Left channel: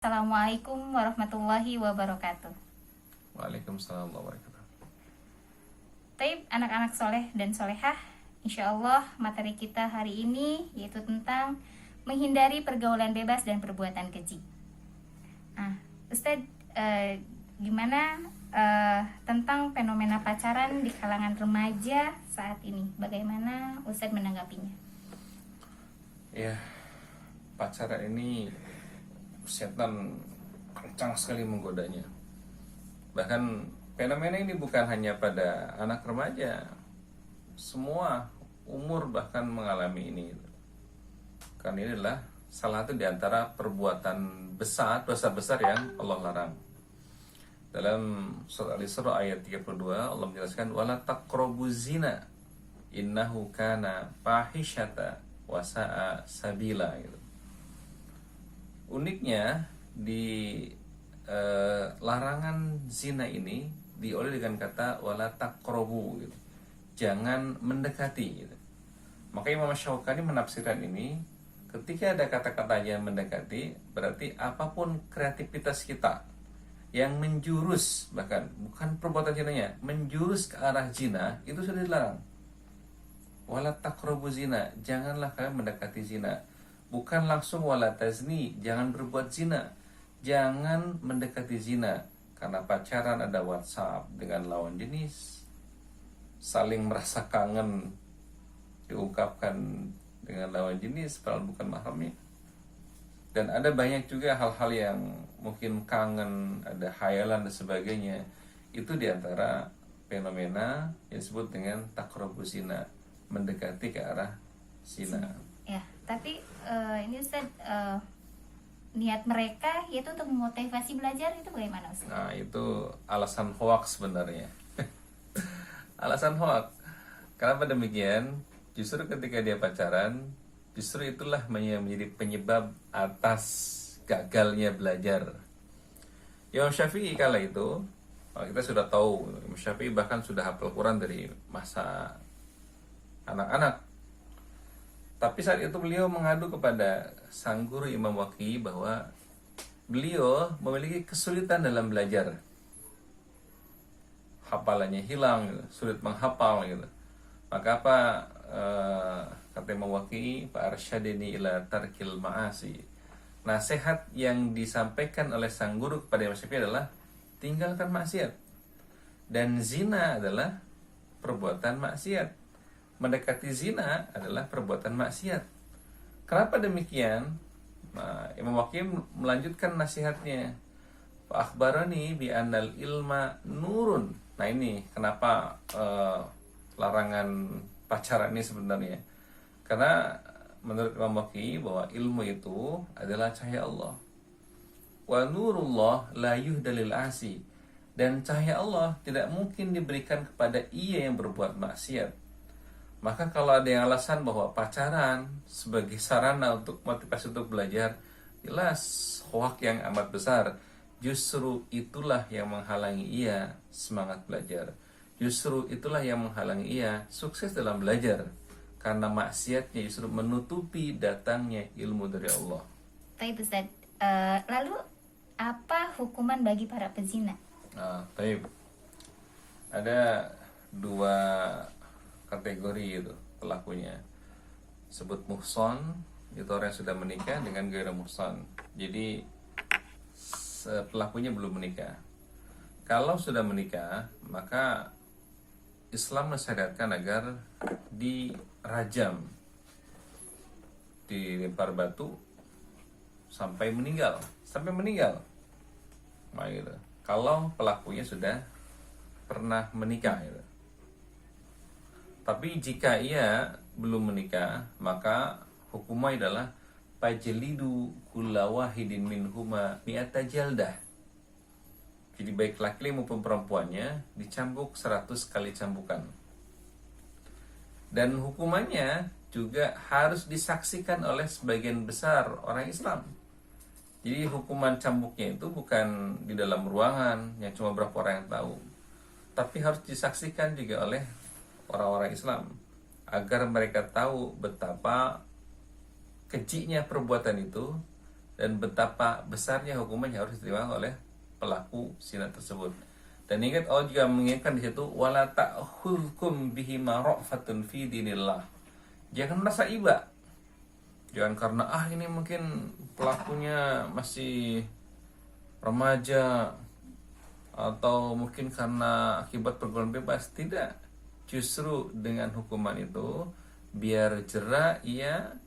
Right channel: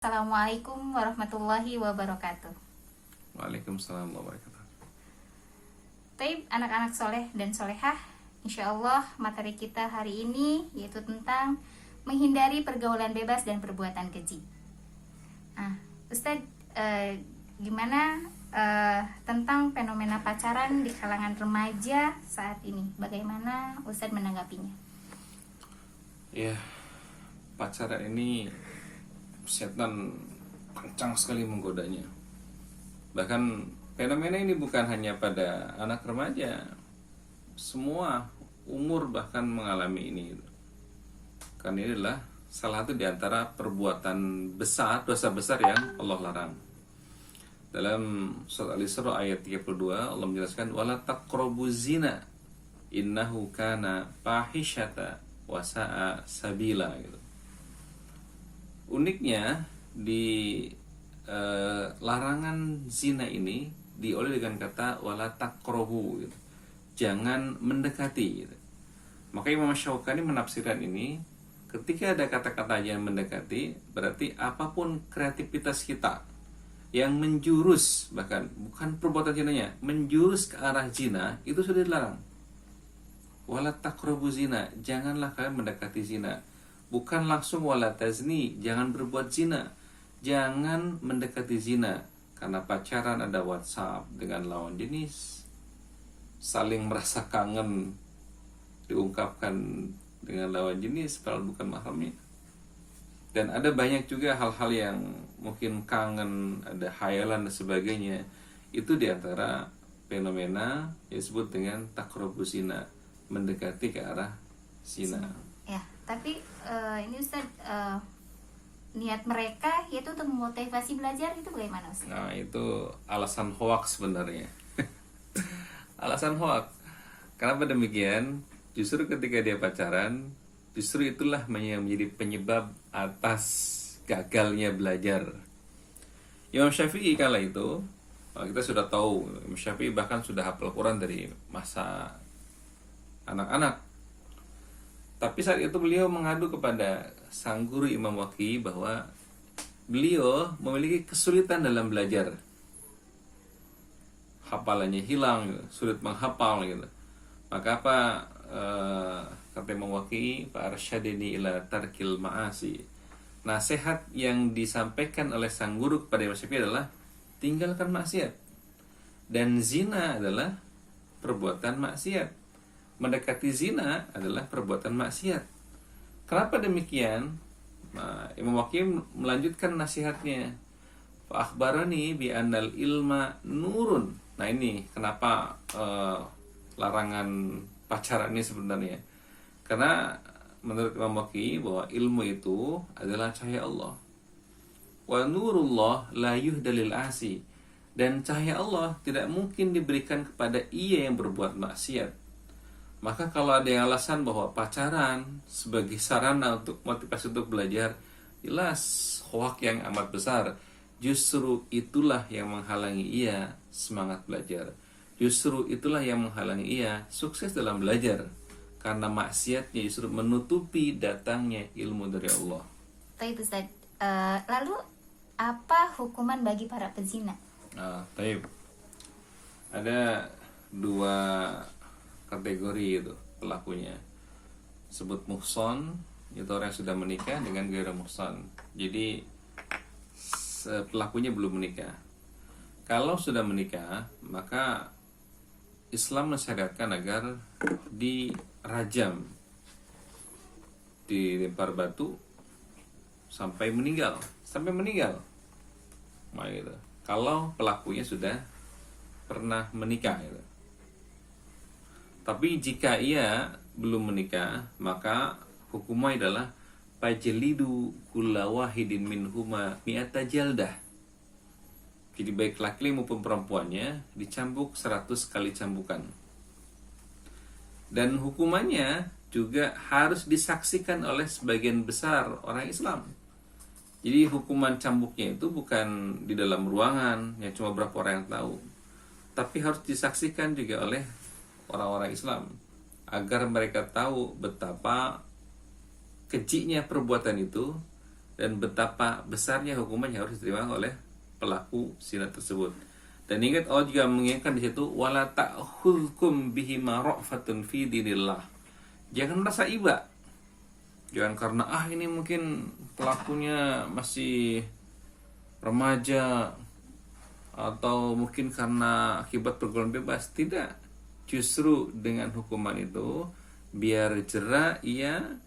Assalamualaikum warahmatullahi wabarakatuh. Waalaikumsalam warahmatullahi wabarakatuh. Taib anak-anak soleh dan solehah, insya Allah materi kita hari ini yaitu tentang menghindari pergaulan bebas dan perbuatan keji. Ustadz, gimana tentang fenomena pacaran di kalangan remaja saat ini? Bagaimana Ustadz menanggapinya? Ya, pacaran ini setan kencang sekali menggodanya. Bahkan fenomena ini bukan hanya pada anak remaja, semua umur bahkan mengalami ini. Karena ini adalah salah satu di antara perbuatan besar, dosa besar yang Allah larang. Dalam surat Al-Isra ayat 32 Allah menjelaskan wala taqrabuz zina innahu kana fahisyata wa sa'a sabila gitu. Uniknya di larangan zina ini dioleh dengan kata wala taqrabu gitu. Jangan mendekati gitu. Maka Imam Syaukani menafsirkan ini ketika ada kata-kata yang mendekati berarti apapun kreativitas kita yang menjurus, bahkan bukan perbuatan zinanya, menjurus ke arah zina itu sudah dilarang. Wala taqrabu zina, janganlah kalian mendekati zina. Bukan langsung wala tazni, jangan berbuat zina. Jangan mendekati zina. Karena pacaran ada WhatsApp dengan lawan jenis, saling merasa kangen diungkapkan dengan lawan jenis padahal bukan mahramnya. Dan ada banyak juga hal-hal yang mungkin kangen, ada hayalan dan sebagainya. Itu diantara fenomena yang disebut dengan taqrabuz zina, mendekati ke arah zina. Ya, tapi ini Ustadz, niat mereka yaitu untuk memotivasi belajar itu bagaimana Ustadz? Nah, itu alasan hoax sebenarnya. Alasan hoax. Kenapa demikian? Justru ketika dia pacaran, justru itulah yang menjadi penyebab atas gagalnya belajar. Imam Syafi'i kala itu, kita sudah tahu, Imam Syafi'i bahkan sudah hafal Quran dari masa anak-anak. Tapi saat itu beliau mengadu kepada sang guru Imam Waqi bahwa beliau memiliki kesulitan dalam belajar. Hafalannya hilang, sulit menghafal gitu. Maka apa kata Imam Waqi, fa arsyadini ila tarkil ma'asi. Nasihat yang disampaikan oleh sang guru kepada Imam Syafi'i adalah tinggalkan maksiat. Dan zina adalah perbuatan maksiat. Mendekati zina adalah perbuatan maksiat. Kenapa demikian? Imam Waqi melanjutkan nasihatnya. Fa akhbarani bi annal ilma nurun. Nah ini kenapa larangan pacaran ini sebenarnya. Karena menurut Imam Waqi bahwa ilmu itu adalah cahaya Allah. Wa nurullah la yuhdalil asi. Dan cahaya Allah tidak mungkin diberikan kepada ia yang berbuat maksiat. Maka kalau ada yang alasan bahwa pacaran sebagai sarana untuk motivasi untuk belajar, jelas hoak yang amat besar. Justru itulah yang menghalangi ia semangat belajar. Justru itulah yang menghalangi ia sukses dalam belajar. Karena maksiatnya justru menutupi datangnya ilmu dari Allah. Taib Ustadz, lalu apa hukuman bagi para pezina? Taib. Ada dua kategori itu pelakunya. Sebut muhson, itu orang yang sudah menikah, dengan ghairu muhson. Jadi pelakunya belum menikah. Kalau sudah menikah, maka Islam mensyariatkan agar dirajam, dilempar batu sampai meninggal, Nah, gitu. Kalau pelakunya sudah pernah menikah gitu. Tapi jika ia belum menikah, maka hukumnya adalah fajlidu kulla wahidin minhuma mi'ata jaldah. Jadi baik laki maupun perempuannya dicambuk 100 kali cambukan. Dan hukumannya juga harus disaksikan oleh sebagian besar orang Islam. Jadi hukuman cambuknya itu bukan di dalam ruangan yang cuma berapa orang yang tahu, tapi harus disaksikan juga oleh orang-orang Islam agar mereka tahu betapa kejinya perbuatan itu dan betapa besarnya hukuman yang harus diterima oleh pelaku zina tersebut. Dan ingat, Allah juga mengingatkan di situ, wala ta'khudhukum bihima ra'fatun fi dinillah. Jangan merasa iba. Jangan karena ini mungkin pelakunya masih remaja, atau mungkin karena akibat pergaulan bebas. Tidak. Justru dengan hukuman itu biar jera ia,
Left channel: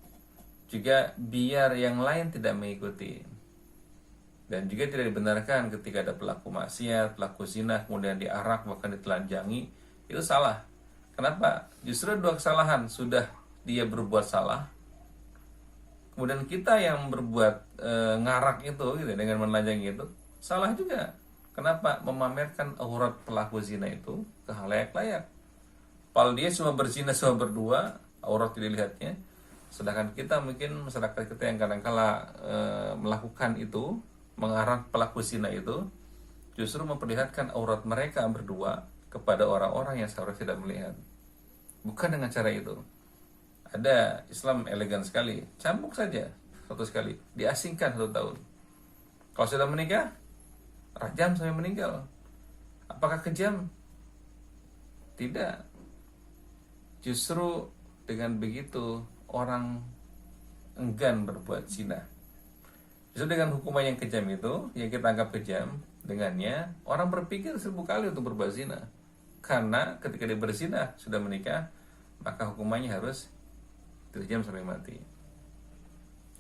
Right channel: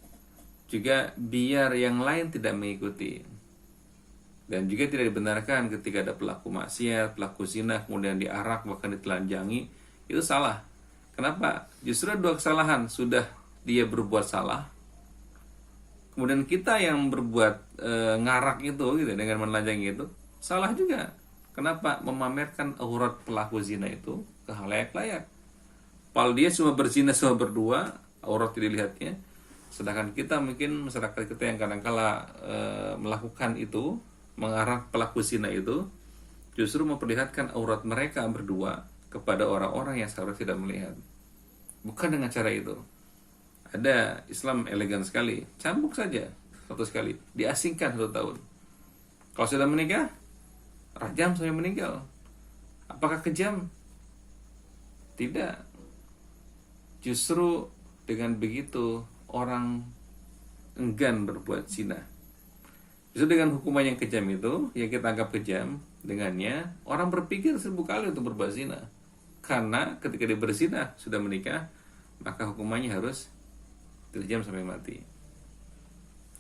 juga biar yang lain tidak mengikuti. Dan juga tidak dibenarkan ketika ada pelaku maksiat, pelaku zina kemudian diarak bahkan ditelanjangi, itu salah. Kenapa? Justru dua kesalahan. Sudah dia berbuat salah, kemudian kita yang berbuat ngarak itu gitu, dengan menelanjangi itu salah juga. Kenapa? Memamerkan aurat pelaku zina itu ke halayak-layak. Padahal dia cuma berzina cuma berdua, aurat tidak dilihatnya. Sedangkan kita mungkin masyarakat kita yang kadang-kala melakukan itu, mengarang pelaku zina itu, justru memperlihatkan aurat mereka berdua kepada orang-orang yang seharusnya tidak melihat. Bukan dengan cara itu. Ada Islam elegan sekali, cambuk saja satu sekali, diasingkan 1 tahun. Kalau sudah menikah, rajam sampai meninggal. Apakah kejam? Tidak. Justru dengan begitu orang enggan berbuat zina. Justru dengan hukuman yang kejam itu, yang kita anggap kejam, dengannya orang berpikir 1000 kali untuk berbuat zina. Karena ketika dia berzina sudah menikah, maka hukumannya harus dirjam sampai mati.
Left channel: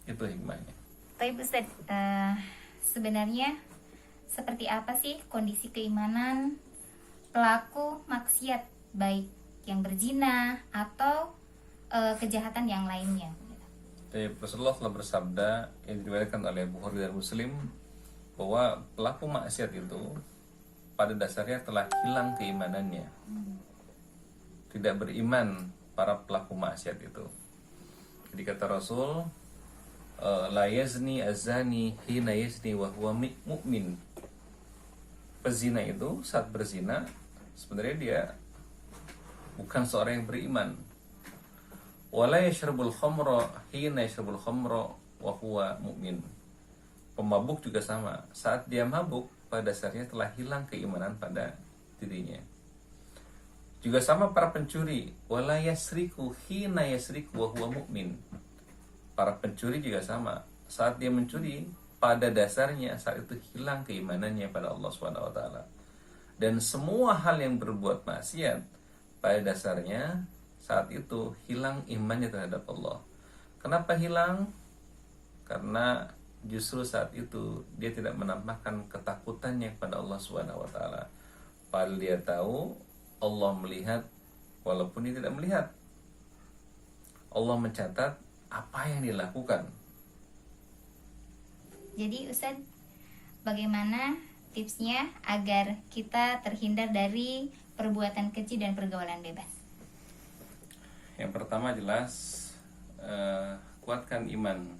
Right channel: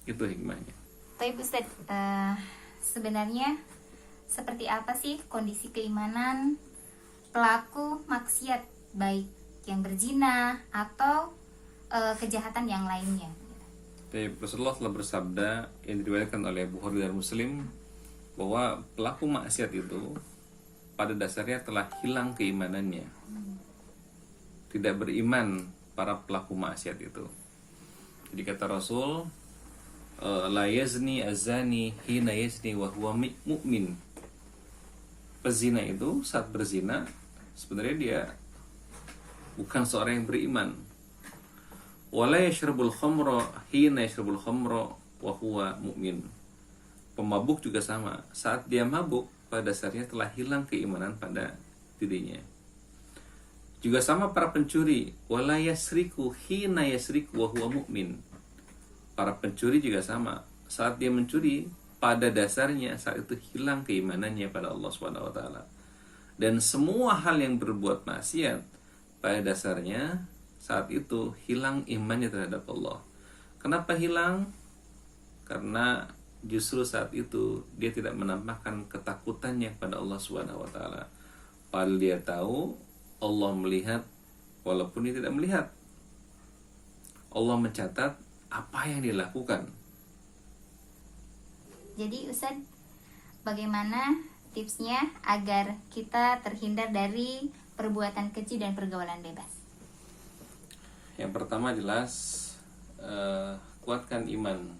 Itu hikmahnya. Tapi Ustaz, sebenarnya seperti apa sih kondisi keimanan pelaku maksiat, baik yang berzina atau kejahatan yang lainnya? Rasulullah telah bersabda yang diriwayatkan oleh Bukhari dan Muslim, bahwa pelaku maksiat itu pada dasarnya telah hilang keimanannya. Tidak beriman para pelaku maksiat itu. Jadi kata Rasul, la yazni azani hina yazni wa huwa mu'min. Pezina itu saat berzina sebenarnya dia bukan seorang yang beriman. Wala yashrabul khamra hina yashrabul khamra wa huwa mu'min. Pemabuk juga sama, saat dia mabuk pada dasarnya telah hilang keimanan pada dirinya. Juga sama para pencuri, wala yasriku hina yasriku wa huwa mu'min. Para pencuri juga sama, saat dia mencuri pada dasarnya saat itu hilang keimanannya pada Allah Subhanahu wa taala. Dan semua hal yang berbuat maksiat pada dasarnya saat itu hilang imannya terhadap Allah. Kenapa hilang? Karena justru saat itu dia tidak menampakkan ketakutannya kepada Allah Subhanahu wa taala. Padahal dia tahu Allah melihat walaupun dia tidak melihat. Allah mencatat apa yang dia lakukan. Jadi Ustaz, bagaimana tipsnya agar kita terhindar dari perbuatan keji dan pergaulan bebas? Yang pertama jelas kuatkan iman,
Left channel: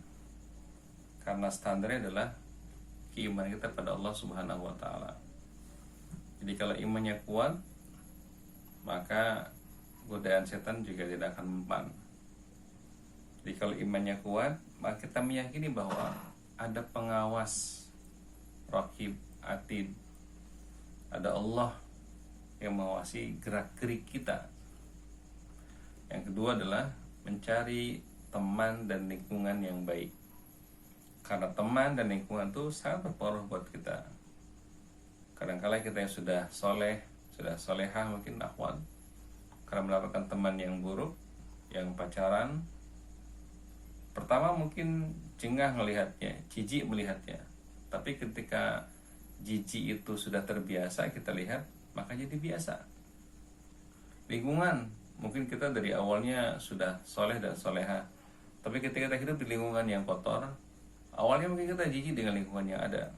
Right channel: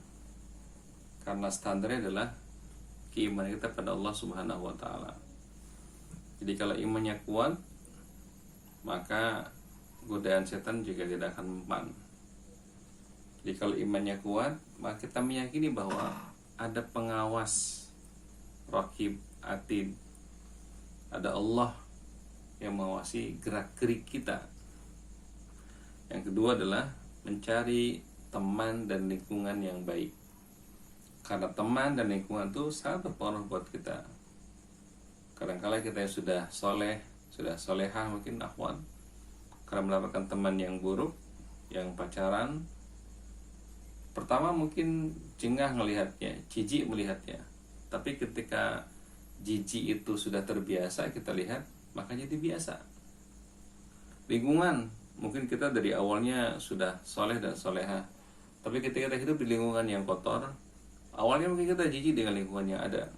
karena standarnya adalah keimanan kita pada Allah Subhanahu wa taala. Jadi kalau imannya kuat, maka godaan setan juga tidak akan mempan. Jadi kalau imannya kuat, maka kita meyakini bahwa ada pengawas, raqib, atid, ada Allah yang mengawasi gerak-gerik kita. Yang kedua adalah mencari teman dan lingkungan yang baik, karena teman dan lingkungan itu sangat berpengaruh buat kita. Kadang-kala kita yang sudah soleh, sudah solehah mungkin akhwan, karena mendapatkan teman yang buruk, yang pacaran, pertama mungkin jengah melihatnya, jijik melihatnya. Tapi ketika jijik itu sudah terbiasa kita lihat, maka jadi biasa. Lingkungan, mungkin kita dari awalnya sudah soleh dan soleha, tapi ketika kita hidup di lingkungan yang kotor, awalnya mungkin kita jijik dengan lingkungan yang ada.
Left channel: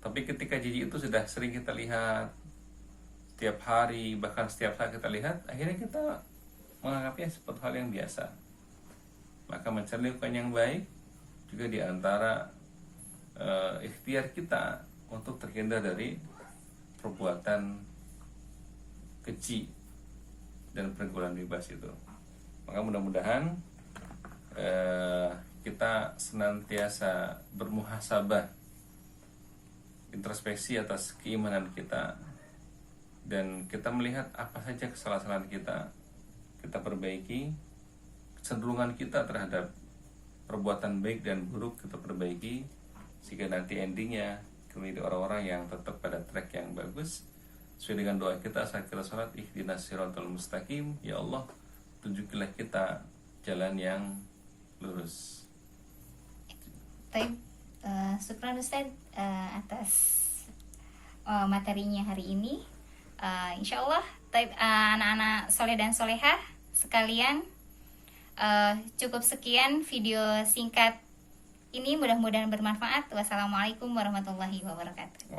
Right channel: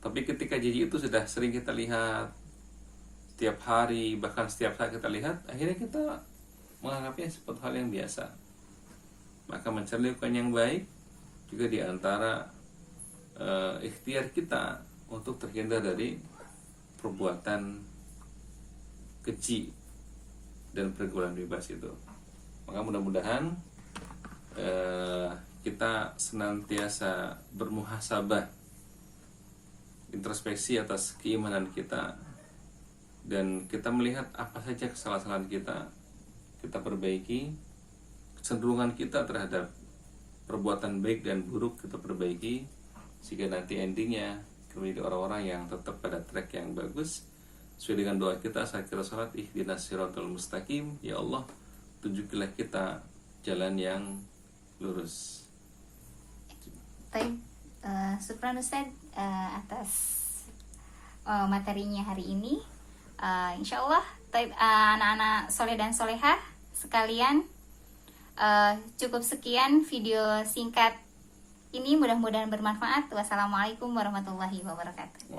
Tapi ketika jijik itu sudah sering kita lihat setiap hari, bahkan setiap saat kita lihat, akhirnya kita menganggapnya seperti hal yang biasa. Maka mencari lingkungan yang baik juga diantara ikhtiar kita untuk terhindar dari perbuatan keji dan pergaulan bebas itu. Maka mudah-mudahan kita senantiasa bermuhasabah, introspeksi atas keimanan kita, dan kita melihat apa saja kesalahan kita perbaiki, kecenderungan kita terhadap perbuatan baik dan buruk kita perbaiki, sehingga nanti endingnya kami menjadi orang-orang yang tetap pada track yang bagus sesuai dengan doa kita saat kita sholat, ihdinas siratal mustaqim, ya Allah tunjukilah kita jalan yang lurus. Baik, syukran Ustaz atas materinya hari ini. Insya Allah anak-anak soleh dan solehah sekalian, cukup sekian video singkat ini, mudah-mudahan bermanfaat. Wassalamualaikum warahmatullahi wabarakatuh.